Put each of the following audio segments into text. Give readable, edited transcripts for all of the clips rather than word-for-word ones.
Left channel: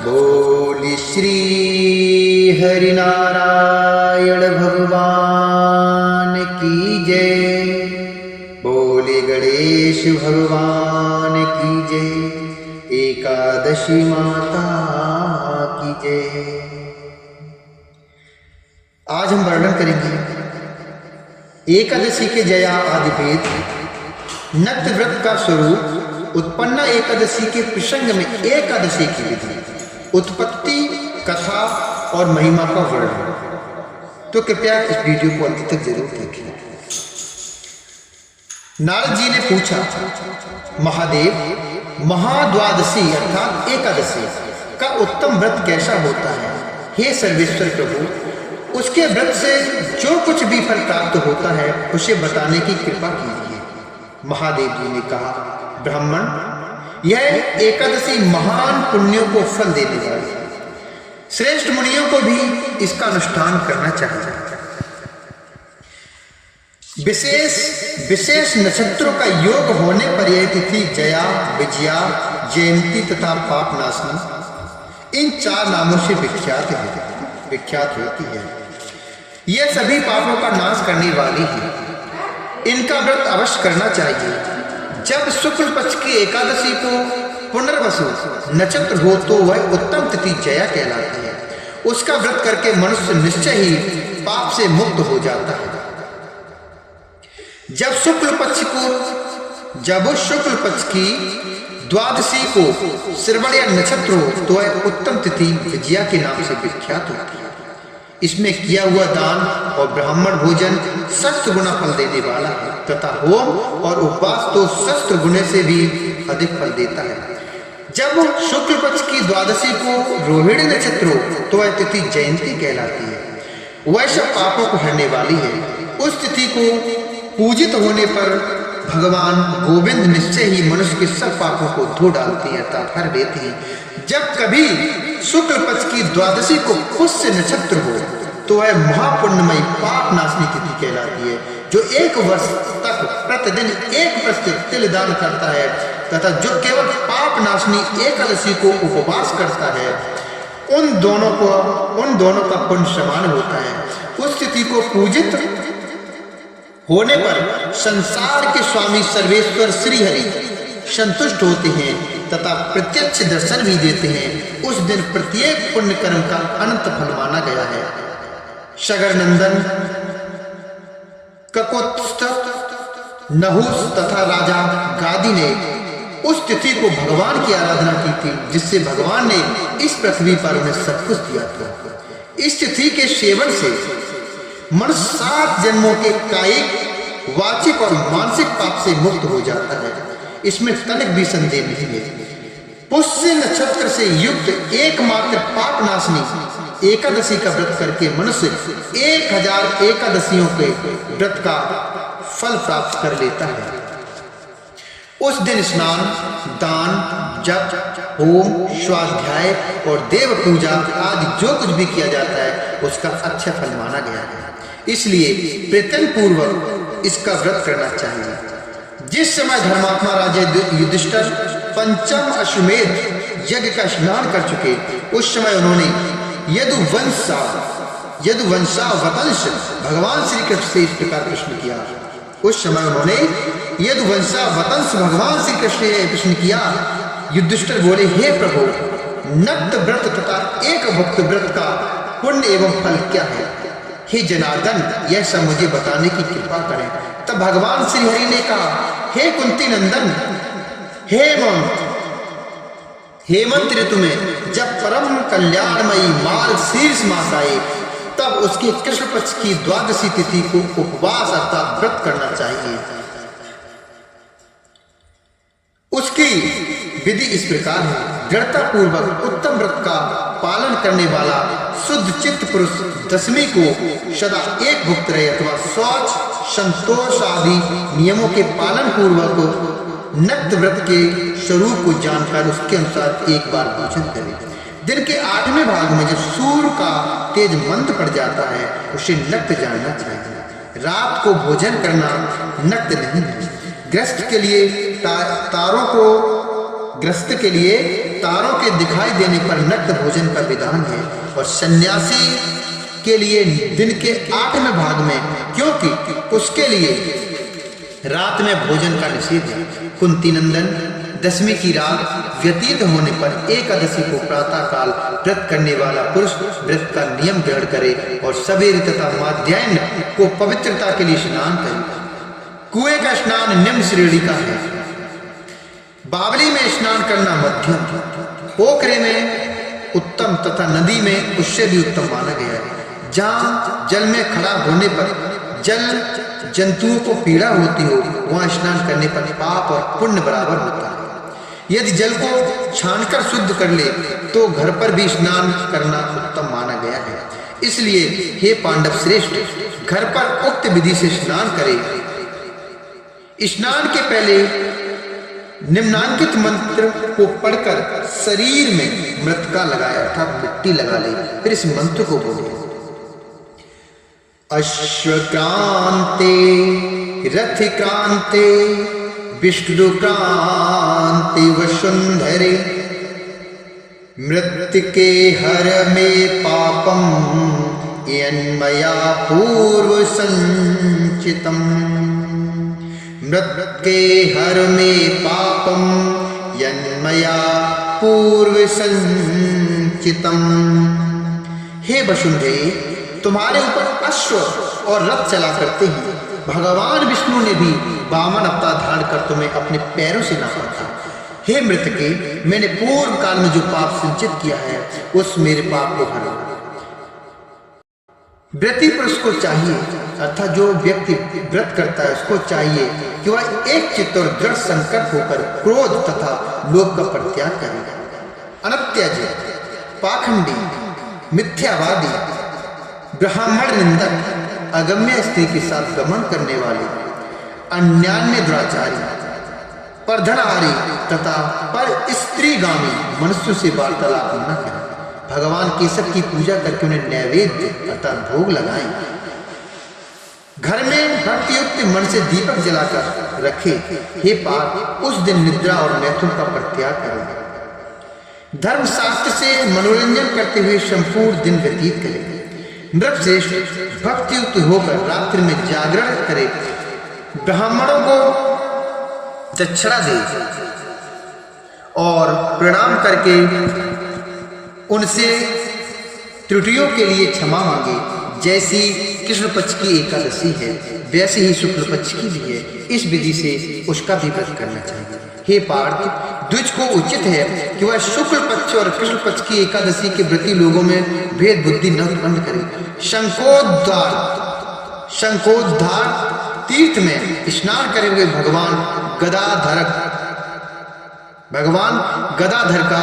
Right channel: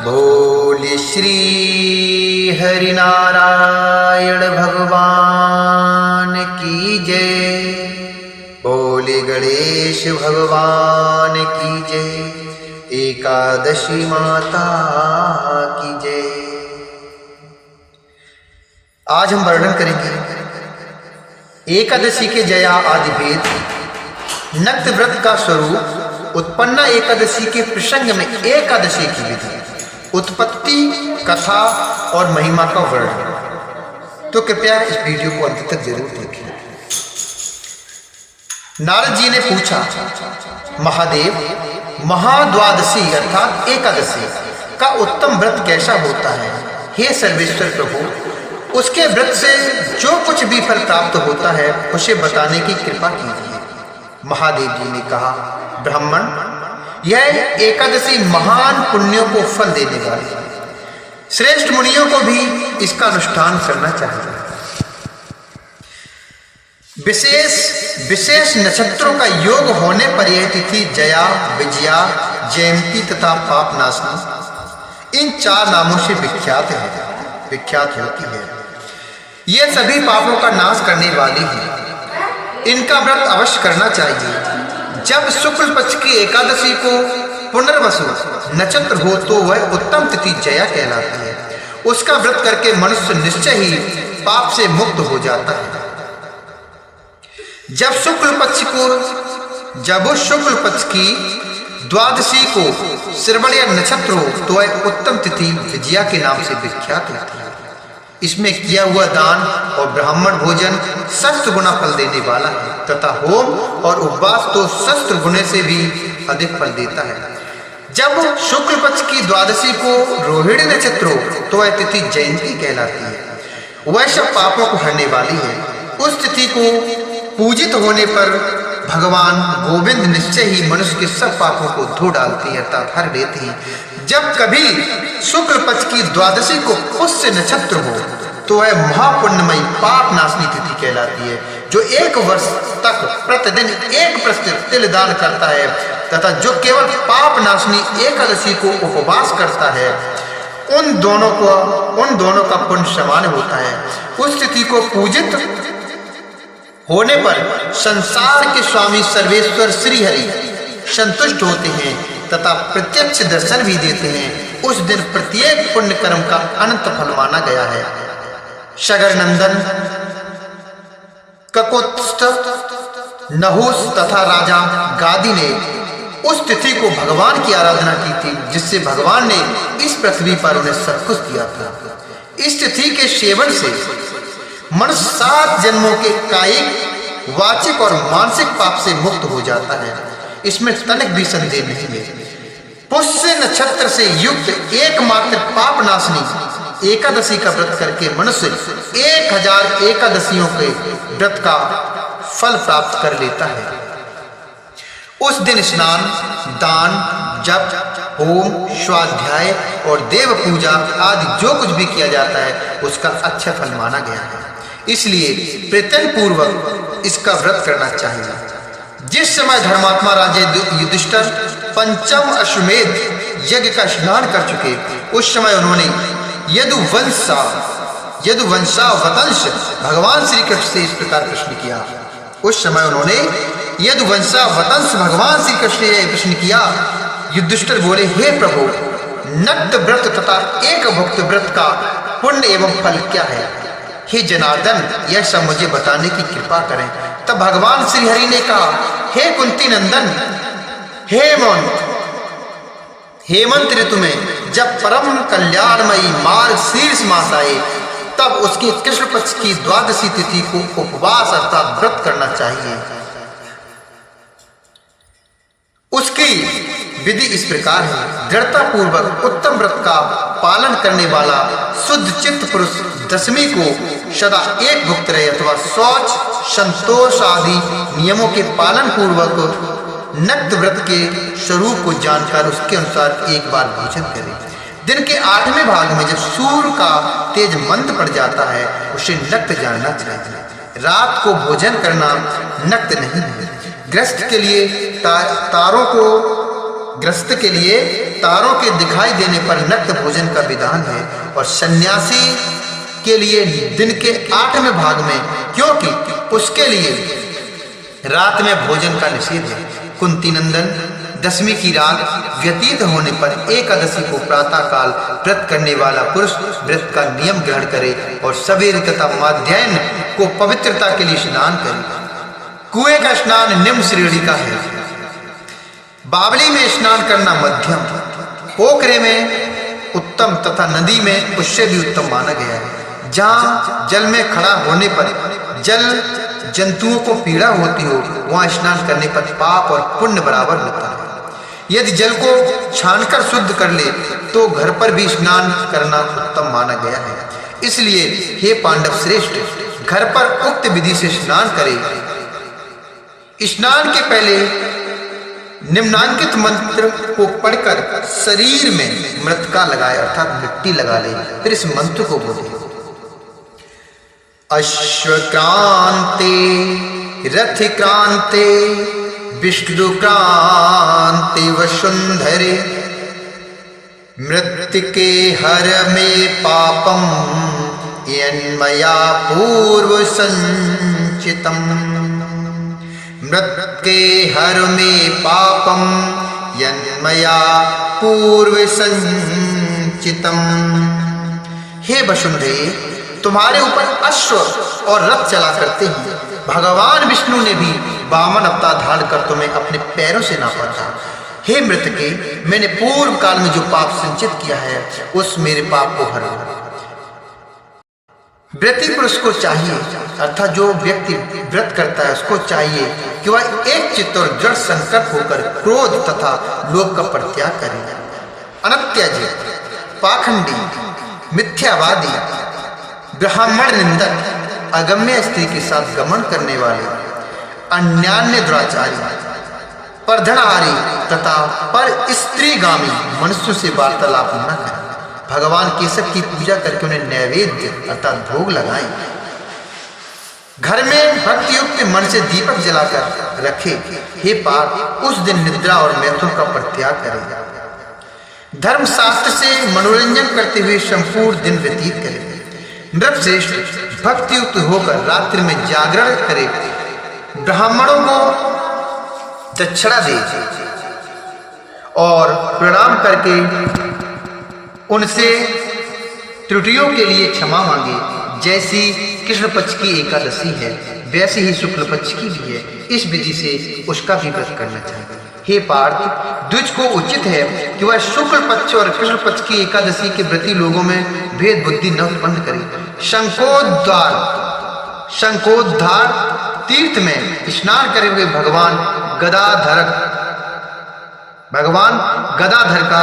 बोले श्री हरिनारायण भगवान की जय। बोले गणेश भगवान की जय। एकादशी माता की जय। आज हम वर्णन करेंगे एकादशी के जया आदि भेद, नक्त व्रत का स्वरूप, उत्पन्ना एकादशी के प्रसंग में एकादशी की विधि, उत्पत्ति, कथा और महिमा का वर्णन। तो कृपया इस वीडियो को अंत तक जरूर देखें। नारद जी ने पूछा, महादेव, महाद्वादशी अर्थात एकादशी का उत्तम व्रत कैसा होता है? हे सर्वेश्वर प्रभु, उसके व्रत से जो कुछ भी फल प्राप्त होता है उसे बताने की कृपा कीजिए। महादेव जी ने कहा, ब्राह्मण, यह एकादशी महान पुण्यों को फल देने वाली है। श्रेष्ठ मुनियों को भी इसका अनुष्ठान करना चाहिए। विशेष नक्षत्रों का योग होने पर यह तिथि जया, विजया, जयंती तथा पापनाशनी इन चार नामों से विख्यात होती है। ये सभी पापों का नाश करने वाली है। इनका व्रत अवश्य करना चाहिए। जब शुक्ल पक्ष की एकादशी को पुनर्वसु नक्षत्र हो तो वह उत्तम तिथि जया कहलाती है। उसका व्रत करके मनुष्य निश्चय ही पाप से मुक्त हो जाता है। जब उस शुक्ल पक्ष की द्वादशी को श्रवण नक्षत्र हो तो वह उत्तम तिथि विजया के नाम से विख्यात होती है। इसमें किया हुआ दान और ब्राह्मण भोजन सहस्त्र गुना फल देने वाला है तथा होम और उपवास तो सहस्त्र गुणे से भी अधिक फल देता है। जब शुक्ल पक्ष की द्वादशी को रोहिणी नक्षत्र हो तो वह तिथि जयंती कहलाती है। वह सब पापों को हरने वाली है। उस तिथि को पूजित होने पर भगवान गोविंद निश्चय ही मनुष्य के सब पापों को धो डालते हैं अर्थात हर देते हैं। जब कभी शुक्ल पक्ष की द्वादशी को पुष्य नक्षत्र हो तो वह महापुण्यमयी पाप नाशनी तिथि कहलाती है। जो 1 वर्ष तक प्रतिदिन 1 प्रतिशत तिल दान करता है तथा जो केवल पाप नाशनी एकादशी को उपवास करता है, उन दोनों का पुण्य समान होता है। उस तिथि को पूजित होने पर संसार के स्वामी सर्वेश्वर श्री हरि संतुष्ट होते हैं तथा प्रत्यक्ष दर्शन भी देते हैं। उस दिन प्रत्येक पुण्य कर्म का अनंत फल माना गया है। शगर नंदन, ककोत्स्थ, नहुस तथा राजा गादी ने उस तिथि को भगवान की आराधना की थी, जिससे भगवान ने इस पृथ्वी पर उन्हें सब कुछ दिया था। इस तिथि के सेवन से मनुष्य 7 जन्मों के कायिक, वाचिक और मानसिक पाप से मुक्त हो जाता है। इसमें तनिक भी संदेह नहीं है। पुष्य नक्षत्र से युक्त एकमात्र पाप नाशनी एकादशी का व्रत करके मनुष्य 1000 एकादशियों के व्रत का फल प्राप्त कर लेता है। उस दिन स्नान, दान, जप, होम, स्वाध्याय और देव पूजा आदि जो कुछ भी किया जाता है उसका अच्छा फल माना गया है। इसलिए प्रयत्न पूर्वक इसका व्रत करना चाहिए। जिस समय धर्मात्मा राजा युधिष्ठिर पंचम अश्वमेध यज्ञ का स्नान कर चुके, उस समय उन्होंने यदुवंशावतंस भगवान श्री कृष्ण से इस प्रकार प्रश्न किया। युधिष्ठिर बोले, हे प्रभु, नक्त व्रत तथा एक भुक्त व्रत का पुण्य एवं फल क्या है? हे जनार्दन, यह सब मुझे बताने की कृपा करें। तब भगवान श्री हरि ने कहा, हे कुंती नंदन, हेमंत ऋतु में जब परम कल्याणमयी मार्ग शीर्ष मास आए तब उसके कृष्ण पक्ष की द्वादशी तिथि को उपवास अर्थात व्रत करना चाहिए। उसकी विधि इस प्रकार है। दृढ़ता पूर्वक उत्तम व्रत का पालन करने वाला शुद्ध चित्त पुरुष दशमी को सदा एक भुक्त रहे अथवा शौच, संतोष आदि नियमों के पालन पूर्वक नक्त व्रत के स्वरूप को जानकर उसके अनुसार एक बार भोजन करे। दिन के 8वें भाग में जब सूर्य का तेज मंद पड़ जाता है उसे नक्त जानना चाहिए। रात को भोजन करना नक्त नहीं है। गृहस्थ के लिए तारों को ग्रस्त के लिए तारों के दिखाई देने पर नक्त भोजन का विधान है और सन्यासी के लिए दिन के 8वें भाग में, क्योंकि उसके लिए रात में भोजन का निषेध है। कुंती नंदन, दशमी की रात व्यतीत होने पर एकादशी को प्रातः काल व्रत करने वाला पुरुष व्रत का नियम ग्रहण करे और सवेरे तथा मध्याह्न को पवित्रता के लिए स्नान करे। कुएं का स्नान निम्न श्रेणी का है। बावली में स्नान करना मध्यम, पोखरे में उत्तम तथा नदी में उससे भी उत्तम माना गया है। जहाँ जल में खड़ा होने पर जल जंतुओं को पीड़ा होती हो, वहां स्नान करने पर पाप और पुण्य बराबर होता है। यदि जल को छानकर शुद्ध कर ले तो घर पर भी स्नान करना उत्तम माना गया है। इसलिए हे पांडव श्रेष्ठ, घर पर उक्त विधि से स्नान करे। स्नान के पहले निम्नांकित मंत्र को पढ़कर शरीर में मृतिका लगाए, अर्थात मिट्टी लगा ले। फिर इस मंत्र को बोले। अश्वक्रांते रथिक्रांते विष्णुक्रांते वसुंधरे मृत्तिके हर में पापम यन्मया पूर्व संचितम। मृत्तिके हर में पापम यन्मया पूर्व संचितम। हे वसुंधरे, तुम्हारे ऊपर अश्व और रथ चला करते हैं। भगवान विष्णु ने भी वामन अवतार धारण कर तुम्हें अपने पैरों से नापा था। हे मृतके, मैंने पूर्व काल में जो पाप संचित किया है उस मेरे पाप को हरो। व्रती पुरुष को चाहिए, अर्थात जो व्यक्ति व्रत करता है उसको चाहिए कि वह एक चित्त और दृढ़ संकल्प होकर क्रोध तथा लोभ का परित्याग करे। अनत्याजी, पाखंडी, मिथ्यावादी, ब्राह्मण निंदक, अगम्य स्त्री के साथ गमन करने वाले, अन्यान्य दुराचारी, परधनहारी तथा पर स्त्रीगामी मनुष्यों से वार्तालाप न करें। भगवान केशव की पूजा करके उन्हें नैवेद्य अर्थात भोग लगाएं। घर में भक्तियुक्त मन से दीपक जलाकर रखे। हे पार्थ, उस दिन निद्रा और मैथुन का परित्याग करें। धर्मशास्त्र से मनोरंजन करते हुए संपूर्ण दिन व्यतीत करें। नृपश्रेष्ठ भक्तियुक्त होकर रात्रि में जागरण करे। ब्राह्मणों को दक्षिणा दे और प्रणाम करके उनसे त्रुटियों के लिए क्षमा मांगे। जैसी कृष्ण पक्ष की एकादशी है वैसे ही शुक्ल पक्ष की भी है। इस विधि से उसका भी व्रत करना चाहिए। हे पार्थ, द्विज को उचित है कि वह शुक्ल पक्ष और कृष्ण पक्ष की एकादशी के व्रती लोगों में भेद बुद्धि न उत्पन्न करे। शंकोद्धार तीर्थ में स्नान करे हुए भगवान गदाधर का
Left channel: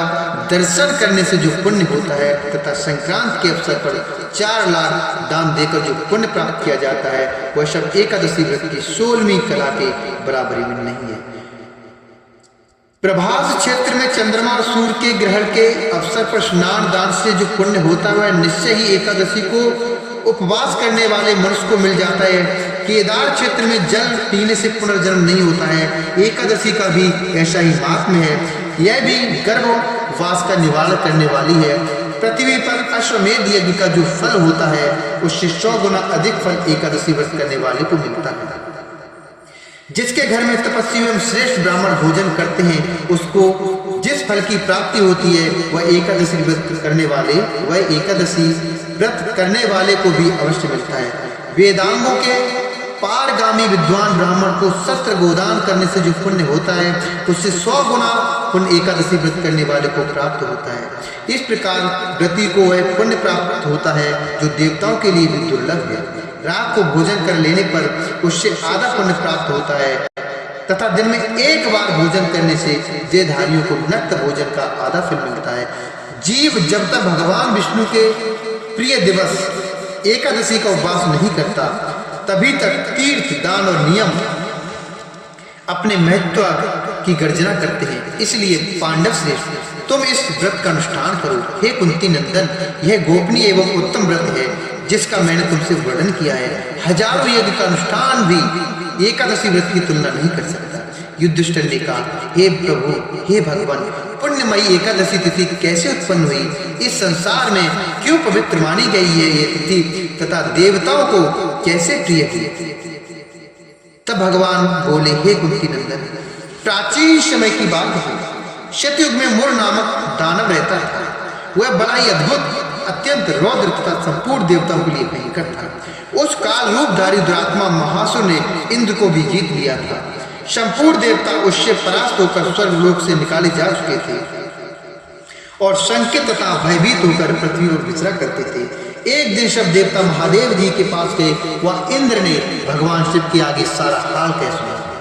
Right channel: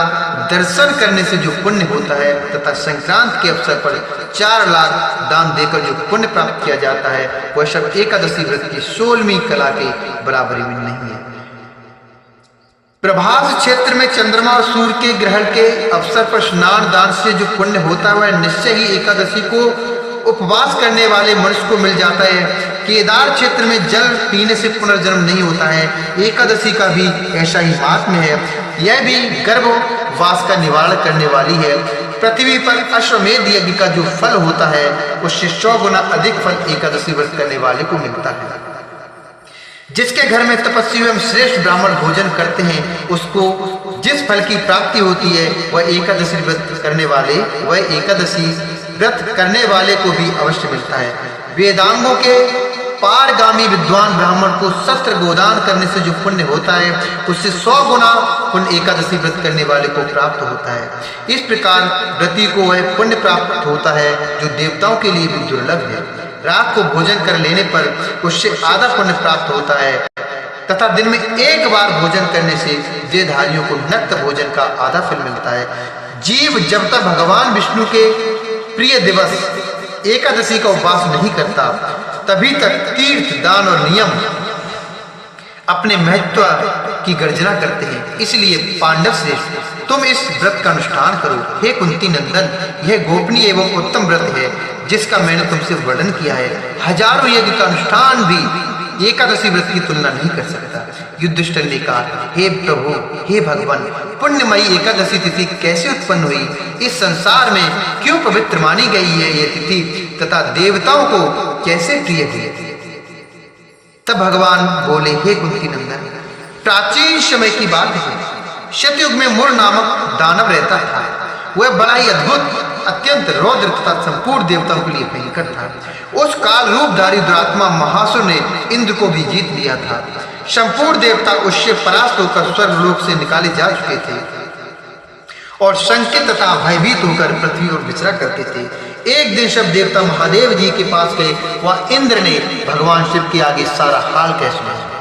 दर्शन करने से जो पुण्य होता है तथा संक्रांत के अवसर पर 4 लाख दान देकर जो पुण्य प्राप्त किया जाता है वह सब एकादशी व्रत की 16वीं कला के बराबरी में नहीं है। प्रभास क्षेत्र में चंद्रमा और सूर्य के ग्रहण के अवसर पर स्नान दान से जो पुण्य होता है वह निश्चय ही एकादशी को उपवास करने वाले मनुष्य को मिल जाता है। केदार क्षेत्र में जल पीने से पुनर्जन्म नहीं होता है। एकादशी का भी ऐसा ही महात्म्य है। यह भी गर्भवास का निवारण करने वाली है। पृथ्वी पर अश्वमेध यज्ञ का जो फल होता है उससे 100 गुना अधिक फल एकादशी व्रत करने वाले को मिलता है। जिसके घर में तपस्वी एवं श्रेष्ठ ब्राह्मण भोजन करते हैं उसको जिस फल की प्राप्ति होती है वह एकादशी व्रत करने वाले को भी अवश्य मिलता है। वेदांगों के पारगामी विद्वान ब्राह्मण को शस्त्र गोदान करने से जो पुण्य होता है उससे 100 गुना पुण्य एकादशी व्रत करने वाले को प्राप्त होता है। इस प्रकार व्रती को वह पुण्य प्राप्त होता है जो देवताओं के लिए भी दुर्लभ है। रात को भोजन कर लेने पर उससे आधा पुण्य प्राप्त होता है तथा दिन में एक बार भोजन करने से देहधारियों को नक्त भोजन का आधा फल मिलता है। जीव जब तक भगवान विष्णु के प्रिय दिवस एकादशी का उपवास नहीं करता तभी तक तीर्थ दान और नियम अपने महत्व की गर्जना करते हैं। इसलिए पांडव श्रेष्ठ, तुम इस व्रत का अनुष्ठान करो। हे कुंती नंदन, यह गोपनीय एवं उत्तम व्रत है जिसका मैंने तुमसे वर्णन किया है। हजारों यज्ञ का अनुष्ठान भी एकादशी व्रत की तुलना नहीं कर सकता। युधिष्ठिर ने कहा, हे प्रभु, हे भगवान, पुण्यमयी एकादशी तिथि कैसे उत्पन्न हुई? इस संसार में क्यों पवित्र मानी गई है ये तिथि तथा देवताओं को कैसे प्रिय हुई? तब भगवान बोले, हे कुंती नंदन, प्राचीन समय की बात है। शतयुग में मुर नामक दानव रहता था। वह बड़ा ही अद्भुत, अत्यंत रौद्र तथा संपूर्ण देवताओं के लिए भयंकर था। उस काल रूपधारी दुरात्मा महासुर ने इंद्र को भी जीत लिया था। संपूर्ण देवता उससे परास्त होकर स्वर्गलोक से निकाले जा चुके थे और शंकित तथा भयभीत होकर पृथ्वी पर विचरा करते थे। एक दिन सब देवता महादेव जी के पास गए। वह इंद्र ने भगवान शिव के आगे सारा हाल कह सुनाया।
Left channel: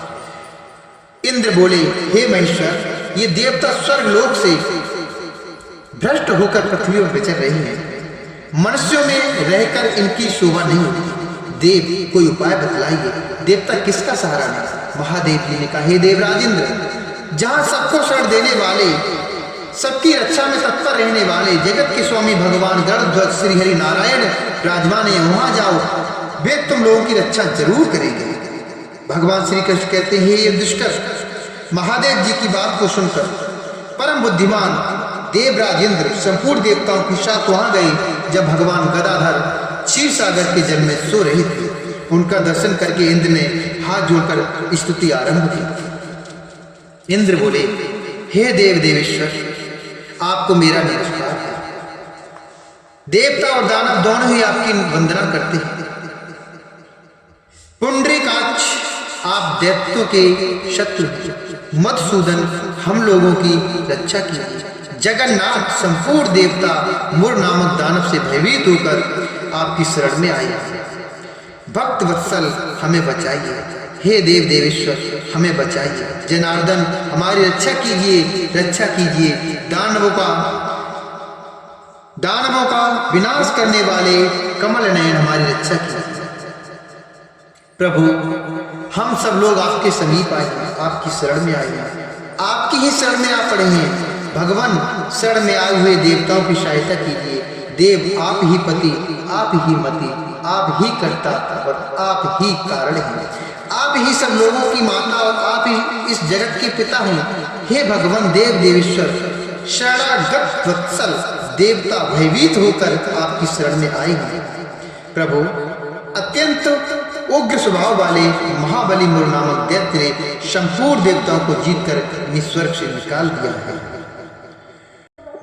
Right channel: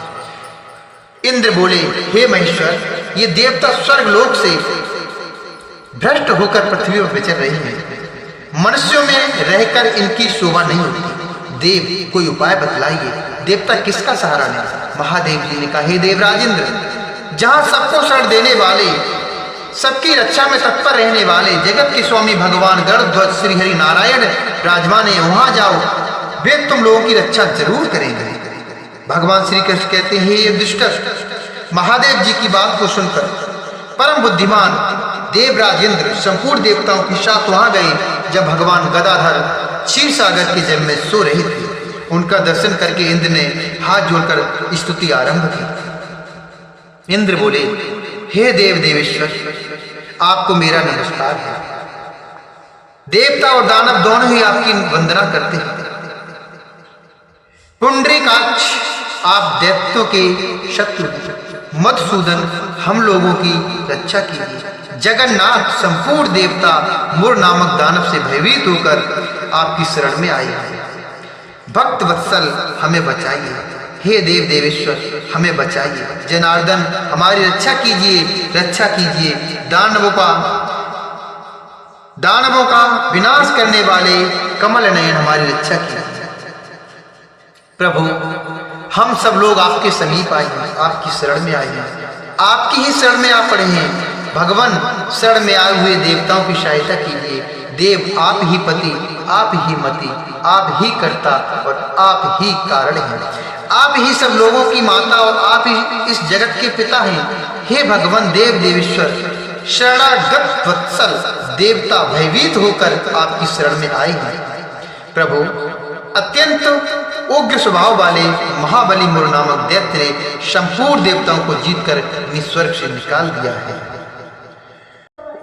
इंद्र बोले, हे महेश्वर, ये देवता स्वर्गलोक से भ्रष्ट होकर पृथ्वी पर विचर रही हैं। मनुष्यों में रहकर इनकी शोभा नहीं होती। देव, कोई उपाय बतलाइए। देवता किसका सहारा लें? महादेव जी ने कहा, हे देवराजेंद्र, जहां सबको शरण देने वाले, सबकी रक्षा में तत्पर रहने वाले जगत के स्वामी भगवान गरुड़ध्वज श्री हरि नारायण विराजमान है, वहां जाओ, वे तुम लोगों की रक्षा जरूर करेंगे। भगवान श्री कृष्ण कहते हैं, हे युधिष्ठिर, महादेव जी की बात को सुनकर परम बुद्धिमान देवराजेंद्र संपूर्ण देवताओं के साथ वहां गए। जब भगवान गदाधर क्षीर सागर के जल में सो रहे थे, उनका दर्शन करके इंद्र ने हाथ जोड़कर स्तुति आरंभ की। इंद्र बोले, हे देव देवेश्वर, आपको मेरा नमस्कार है। देवता और दानव दोनों ही आपकी वंदना करते हैं। पुंडरीकाक्ष, आप दैत्यों के शत्रु, मधुसूदन, हम लोगों की रक्षा कीजिए। जगन्नाथ, संपूर्ण देवता मुर नामक दानव से भयभीत होकर आपकी शरण में आए हैं। भक्त वत्सल, हमें बचाइए। हे देव देवेश्वर, हमें बचाइए। जनार्दन, हमारी रक्षा कीजिए, रक्षा कीजिए। दानवों का विनाश करने वाले कमल नयन, हमारी रक्षा कीजिए। प्रभु, हम सब लोग आपके समीप आए हैं, आपकी शरण में आए हैं, आपकी ही शरण में आ पड़े हैं। भगवान, शरण में आए हुए देवताओं की सहायता कीजिए। देव, आप ही पति, आप ही मति, आप ही कर्ता और आप ही कारण हैं। आप ही सब लोगों की माता और आप ही इस जगत के पिता हैं। हे भगवान देव देवेश्वर, शरणागत वत्सल देवता भयभीत होकर आपकी शरण में आए हैं। प्रभु, अत्यंत उग्र स्वभाव वाले महाबली मुर नामक दैत्य ने संपूर्ण देवताओं को जीतकर स्वर्ग से निकाल दिया है।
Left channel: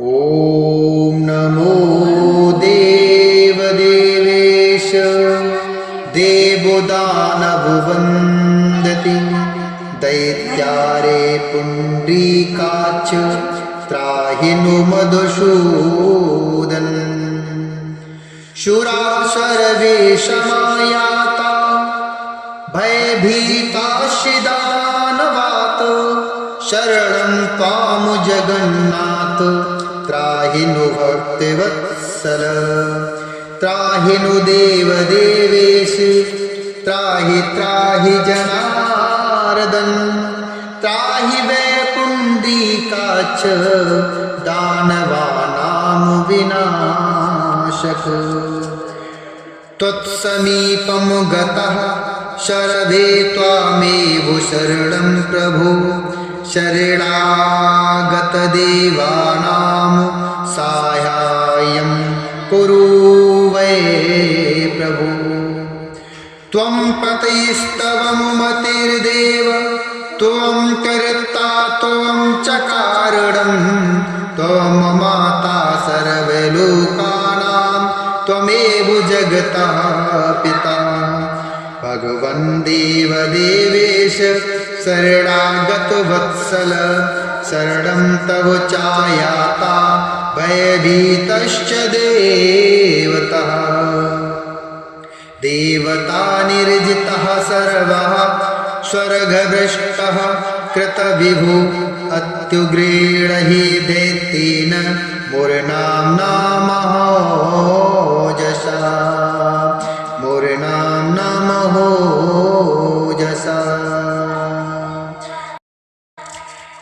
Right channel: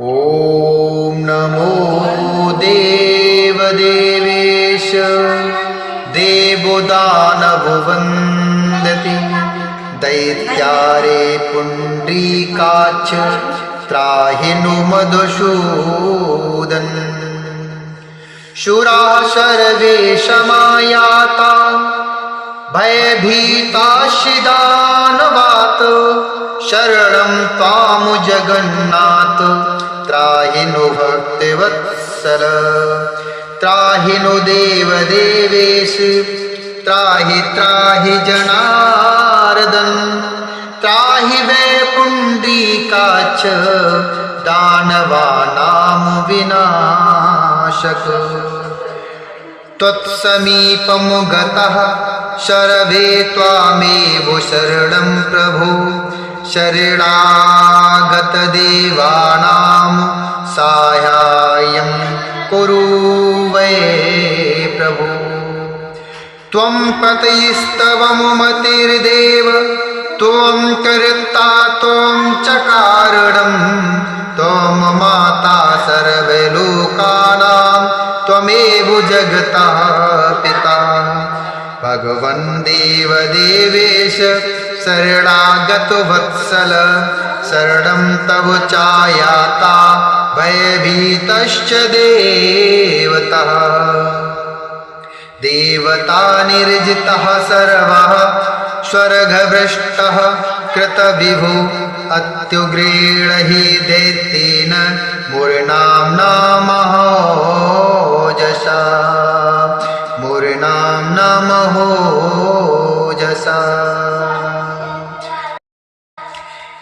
ओम नमो देव देवेश, देवो दानवो वन्दति, दैत्यारे पुंडरीकाक्ष, त्राहि नो मधुसूदन। शूरा सर्वे समायाता, भयभीताश्च दानवात्, शरणं त्वां जगन्नाथ, त्राहि नो भक्तवत्सल। त्राहि नो देव देवेश, त्राहि त्राहि जनार्दन, त्राहि वै पुंडरीकाक्ष, दानवानां विनाशक। त्वत्समीपं गतः सर्वे त्वामेव शरणं प्रभो, शरणागत देवानां साहाय्यं कुरु वै प्रभो। त्वं पतयस्तव मतिर्देव, त्वं कर्ता त्वं च कारणं, त्वं माता सर्वलोकानां, त्वमेव जगतः पिता। भगवन् देव देवेश, शरणागत वत्सल, शरणं तव चायाता, भयभीतश्च देवतः। देवता निर्जितः सर्वः, स्वर्गभ्रष्टः कृतविभु, अत्युग्रेण हि दैत्येन मुरनाम्ना महोजसा, मुरनाम्ना महोजसा।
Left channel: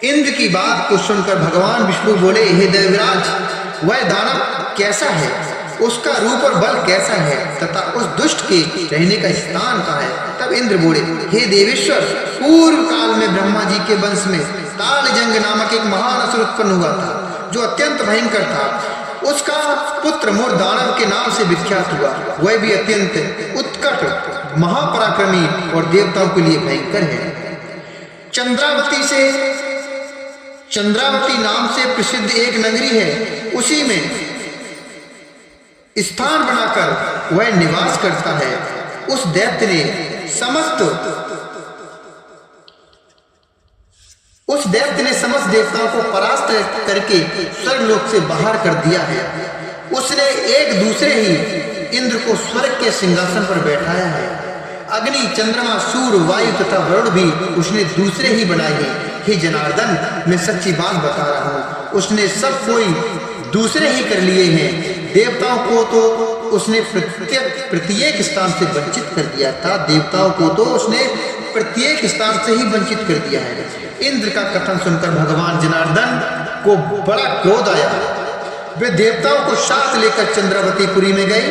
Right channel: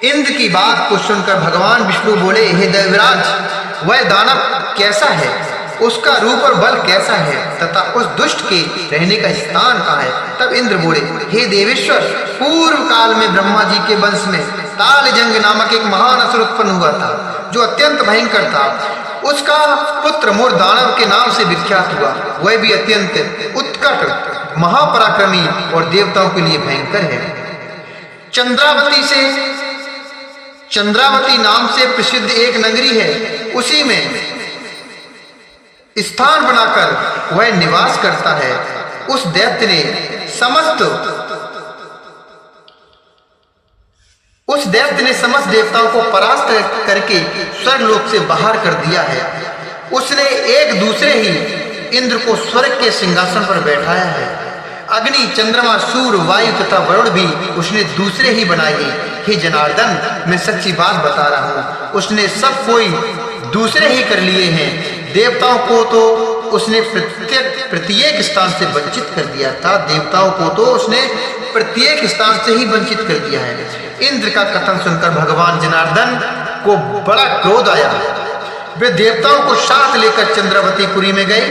इंद्र की बात को सुनकर भगवान विष्णु बोले, हे देवराज, वह दानव कैसा है उसका रूप और बल कैसा है तथा उस दुष्ट के रहने का स्थान कहाँ है। तब इंद्र बोले, हे देवेश्वर, पूर्व काल में ब्रह्मा जी के वंश में तालजंग नामक एक महान असुर उत्पन्न हुआ था, जो अत्यंत भयंकर था। उसका पुत्र मोर दानव के नाम से विख्यात हुआ। वह भी अत्यंत उत्कट, महापराक्रमी और देवताओं के लिए भयंकर है। चंद्रावती नाम से प्रसिद्ध एक नगरी है, उसी में स्थान बनाकर वह निवास करता है। उस दैत्य ने समस्त देवताओं को परास्त करके स्वर्गलोक से बाहर कर दिया है। उसने एक दूसरे ही इंद्र को स्वर्ग के सिंहासन पर बैठाया है। अग्नि, चंद्रमा, सूर्य, वायु तथा वरुण भी उसने दूसरे ही बनाए हैं। हे जनार्दन, मैं सच्ची बात बता रहा हूँ, उसने सब कोई दूसरे ही कर लिए हैं। देवताओं को तो उसने प्रत्येक स्थान से वंचित कर दिया था। देवताओं को तो उसने प्रत्येक स्थान से ही वंचित कर दिया है। इंद्र का कथन सुनकर भगवान जनार्दन को बड़ा क्रोध आया। वे देवताओं को साथ लेकर चंद्रावतीपुरी में गए।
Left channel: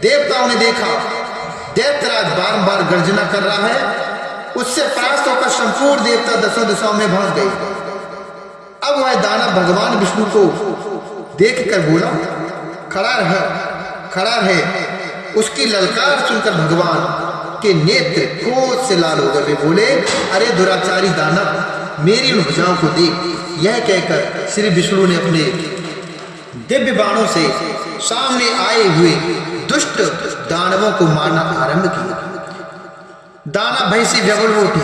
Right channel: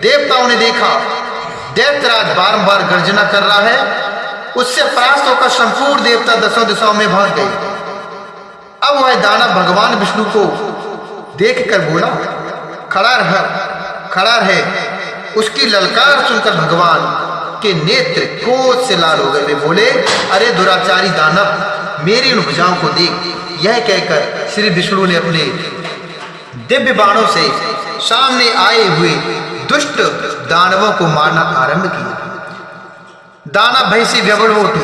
देवताओं ने देखा दैत्यराज बारंबार गर्जना कर रहा है। उससे परास्त होकर संपूर्ण देवता दसों दिशाओं में भाग गए। अब वह दानव भगवान विष्णु को देखकर बोला, खड़ा है। उसकी ललकार सुनकर भगवान के नेत्र क्रोध से लाल हो गए। वे बोले, अरे दुराचारी दानव, मेरी उन भुजाओं को देख। यह कहकर श्री विष्णु ने अपने दिव्य बाणों से सामने आए हुए दुष्ट दानवों को मारना आरंभ किया। दानव भय से व्यग्र उठे।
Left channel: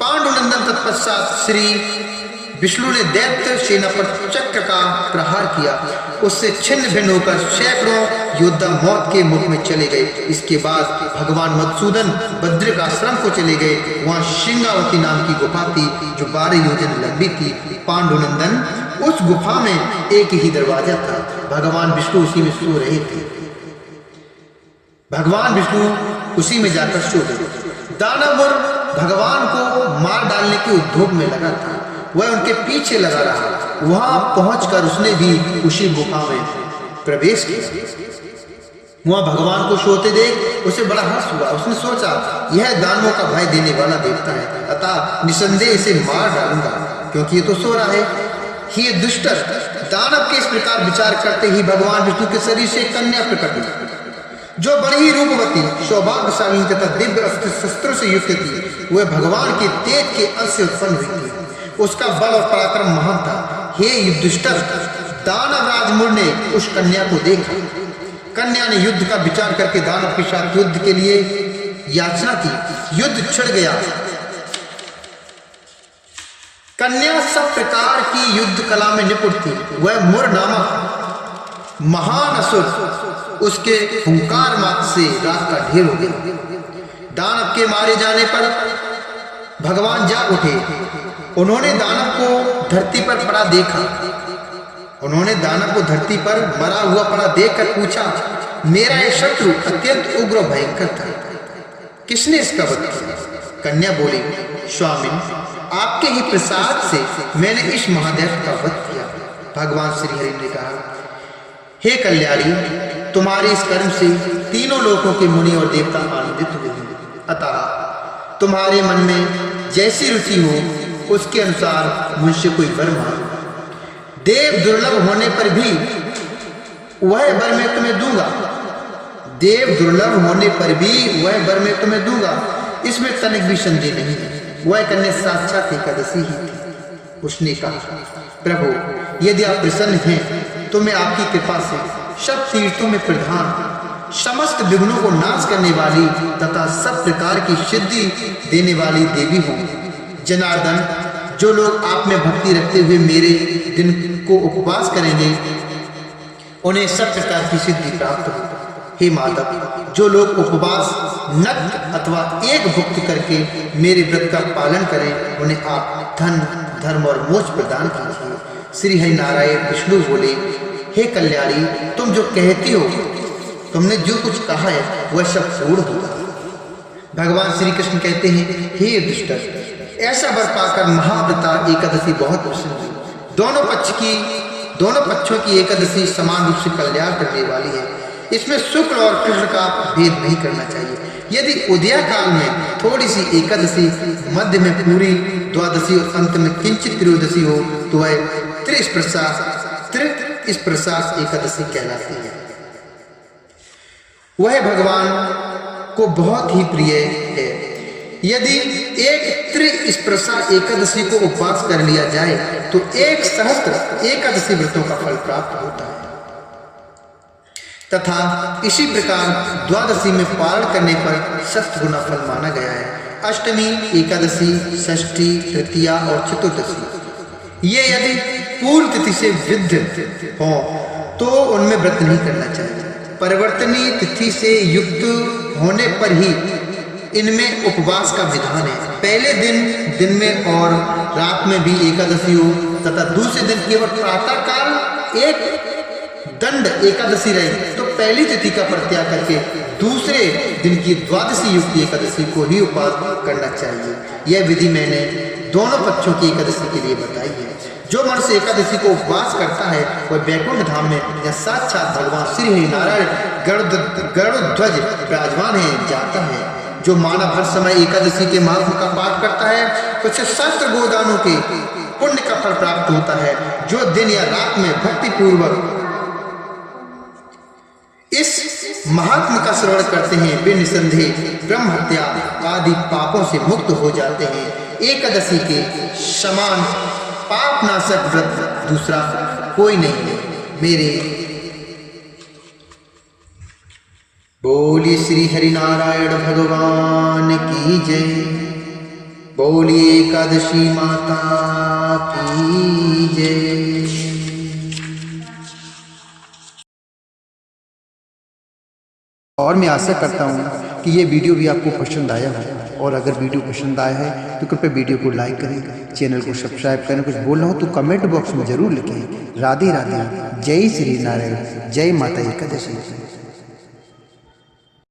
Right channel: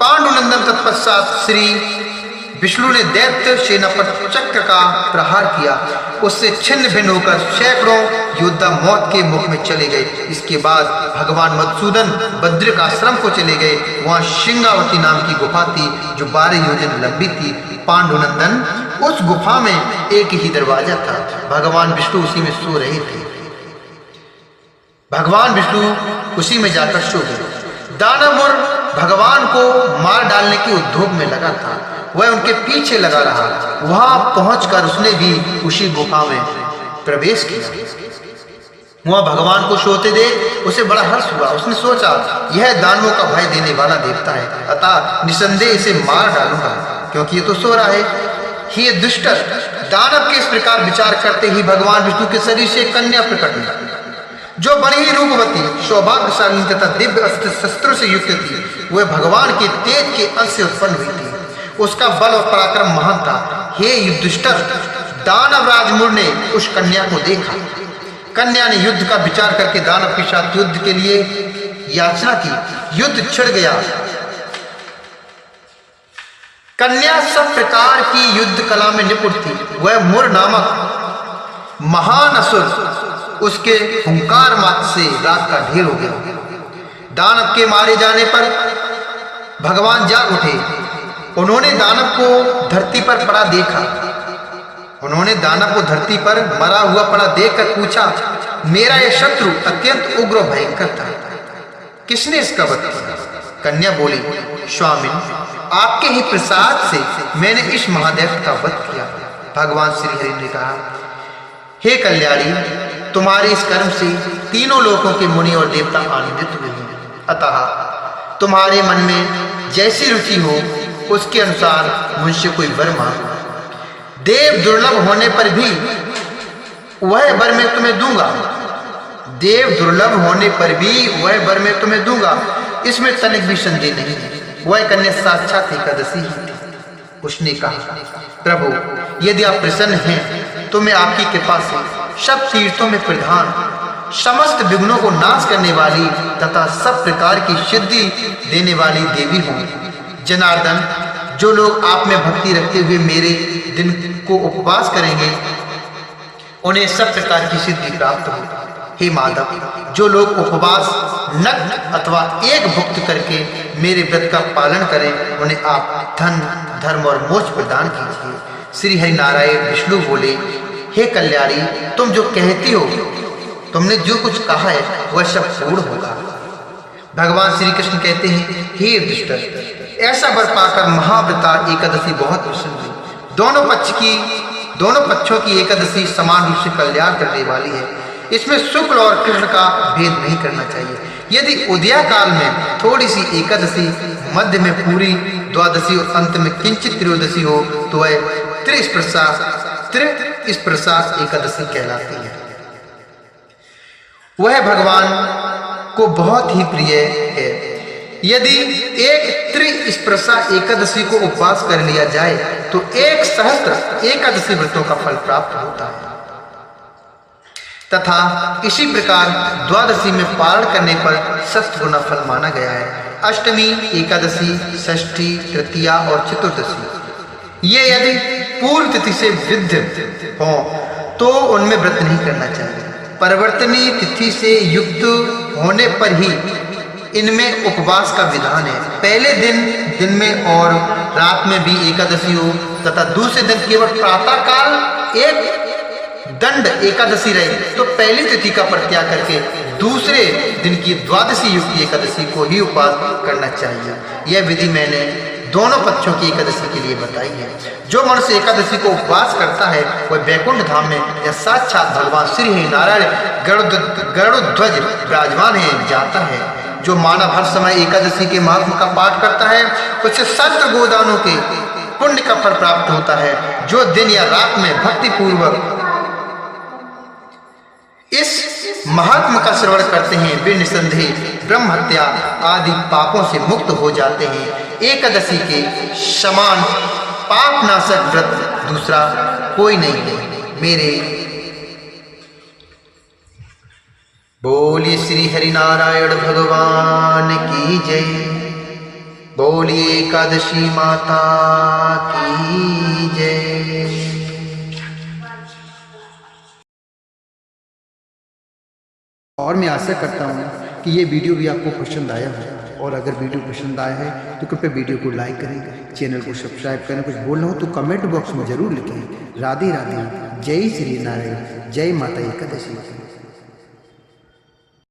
पांडुनंदन तत्पश्चात श्री विष्णु ने दैत्य सेना पर चक्र का प्रहार किया। उससे छिन्न भिन्न होकर सैकड़ों योद्धा मौत के मुख में चले गए। इसके बाद भगवान मधुसूदन बद्रिक आश्रम को चले गए। वहां श्रृंगावती नाम की गुफा थी, जो 12 योजन लंबी थी। पांडुनंदन, उस गुफा में एक ही दरवाजा था। भगवान विष्णु उसी में सो रहे थे। भगवान विष्णु उसी में जाकर सो गए। दानव भगवान को मार डालने के उद्योग में लगा था। वह उनके पीछे लगा रहा। वहां पहुंचकर उसने भी उसी गुफा में प्रवेश किया। वहां भगवान को सोते देख उसे बड़ा हर्ष हुआ। उसने सोचा, यह दानवों का भय देने वाला देवता है, अतः निसंदेह इसे मार डालूंगा, क्योंकि ये तो सो रहा है। हे दुष्ट! दानव के इस प्रकार विचार करते ही भगवान विष्णु के शरीर से कन्या प्रकट हुई, जो बड़ी ही रूपवती, सौभाग्यशाली तथा दिव्य अस्त्र शस्त्रों से युक्त थी। वह भगवान के तेज के अंश से उत्पन्न हुई थी। उसका बल और पराक्रम महान था। हे युधिष्ठिर! दानव राजमुर ने उस कन्या को देखा। कन्या ने युद्ध का विचार करके दानव के साथ युद्ध के लिए याचना की। युद्ध छिड़ गया। कन्या सब प्रकार की युद्ध कला में निपुण थी। वह मुर नामक महान असुर उसके हुंकार मात्र से राख का ढेर हो गया। दानव के मारे जाने पर भगवान जाग उठे। उन्होंने दानव को धरती पर पड़ा देखा। उन्होंने दानव को धरती पर मरा हुआ पड़ा देखकर पूछा, मेरा यह शत्रु अत्यंत उग्र भयंकर था, किसने इसका वध किया? कन्या बोली, स्वामिन, आपके ही प्रसाद से मैंने इस महादेव का वध किया। भगवान श्री हरि ने कहा, हे कल्याणी, तुम्हारे इस कर्म से तीनों लोकों के मुनि और देवता आनंदित हुए हैं। अतः तुम्हारे मन में जैसी रुचि हो उसके अनुसार मुझसे कोई वर मांगो। देव दुर्लभ होने पर भी वह वर मैं तुम्हें दूंगा। देव दुर्लभ होने पर भी वह वर मैं तुम्हें दूंगा, इसमें तनिक भी संदेह नहीं है। वह कन्या साक्षात एकादशी ही थी। उसने कहा, प्रभु, यदि आप प्रसन्न हैं तो मैं आपकी कृपा से सब तीर्थों में प्रधान, समस्त विघ्नों को नाश करने वाली तथा सब प्रकार की सिद्धि देने वाली देवी हूँ। जनार्दन, जो लोग आप में भक्ति रखते हुए मेरे दिन को उपवास करेंगे, उन्हें सब प्रकार की सिद्धि प्राप्त हो। हे माधव, जो लोग उपवास नग्न अथवा एक भुक्त करके मेरे व्रत का पालन करें, उन्हें आप धन, धर्म और मोक्ष प्रदान कीजिए। श्री हरि नारायण विष्णु बोले, हे कल्याणी, तुम जो कहती हो, तुमने जो कुछ कहा है वह सब पूर्ण होगा। भगवान श्री कृष्ण कहते हैं, हे युधिष्ठिर, ऐसा वर पाकर महाव्रता एकादशी बहुत प्रसन्न हुई। दोनों पक्ष की दोनों पक्षों की एकादशी समान रूप से कल्याण करने वाली है। इसमें शुक्ल और कृष्ण का भेद नहीं करना चाहिए। यदि उदया काल में थोड़ी सी एकादशी, मध्य में पूरी द्वादशी और अंत में किंचित त्रयोदशी हो तो वह त्रिस्पर्शा एकादशी कहलाती है। वह भगवान को बहुत ही प्रिय है। यदि एक त्रिस्पर्शा एकादशी को उपवास कर लिया जाए तो 1 सहस्त्र एकादशी व्रतों का फल प्राप्त होता है तथा इसी प्रकार द्वादशी में पारण करने पर 7 गुना फल माना गया है। अष्टमी, एकादशी, षष्ठी, तृतीया और चतुर्दशी ये यदि पूर्व तिथि से विद्ध हो तो उनमें व्रत नहीं करना चाहिए। परिवर्तनीय तिथि से युक्त होने पर ही इनमें उपवास का विधान है। पहले दिन में और रात में भी एकादशी हो तथा दूसरे दिन केवल प्रातः काल एक दंड एकादशी रहे तो पहली तिथि का परित्याग करके दूसरे दिन की द्वादशी युक्त एकादशी को ही उपवास करना चाहिए। यह विधि मैंने दोनों पक्षों की एकादशी के लिए बताई है। जो मनुष्य एकादशी को उपवास करता है वह वैकुंठ धाम में या साक्षात भगवान श्री हरि नारायण गरुड़ध्वज विराजमान है जाता है। जो मानव हर समय एकादशी के महात्म का पाठ करता है उसे 7 गोदानों के पुण्य का फल प्राप्त होता है। जो दिन या रात में भक्ति पूर्वक इस महात्म का श्रवण करते हैं वे निसंदेह ब्रह्म हत्या आदि पापों से मुक्त हो जाते हैं। एकादशी के समान पापनाशक व्रत दूसरा कोई नहीं है। मेरे बोलिए श्री हरि नारायण भगवान की जय। बोलिए एकादशी माता की जय। और मैं आशा करता हूँ कि ये वीडियो भी आपको पसंद आया हो, और अगर वीडियो पसंद आया है तो कृपया वीडियो को लाइक करें, चैनल को सब्सक्राइब करें। कुछ बोलना हो तो कमेंट बॉक्स में जरूर लिखें। राधे राधे, जय श्री नारायण, जय माता एकादशी।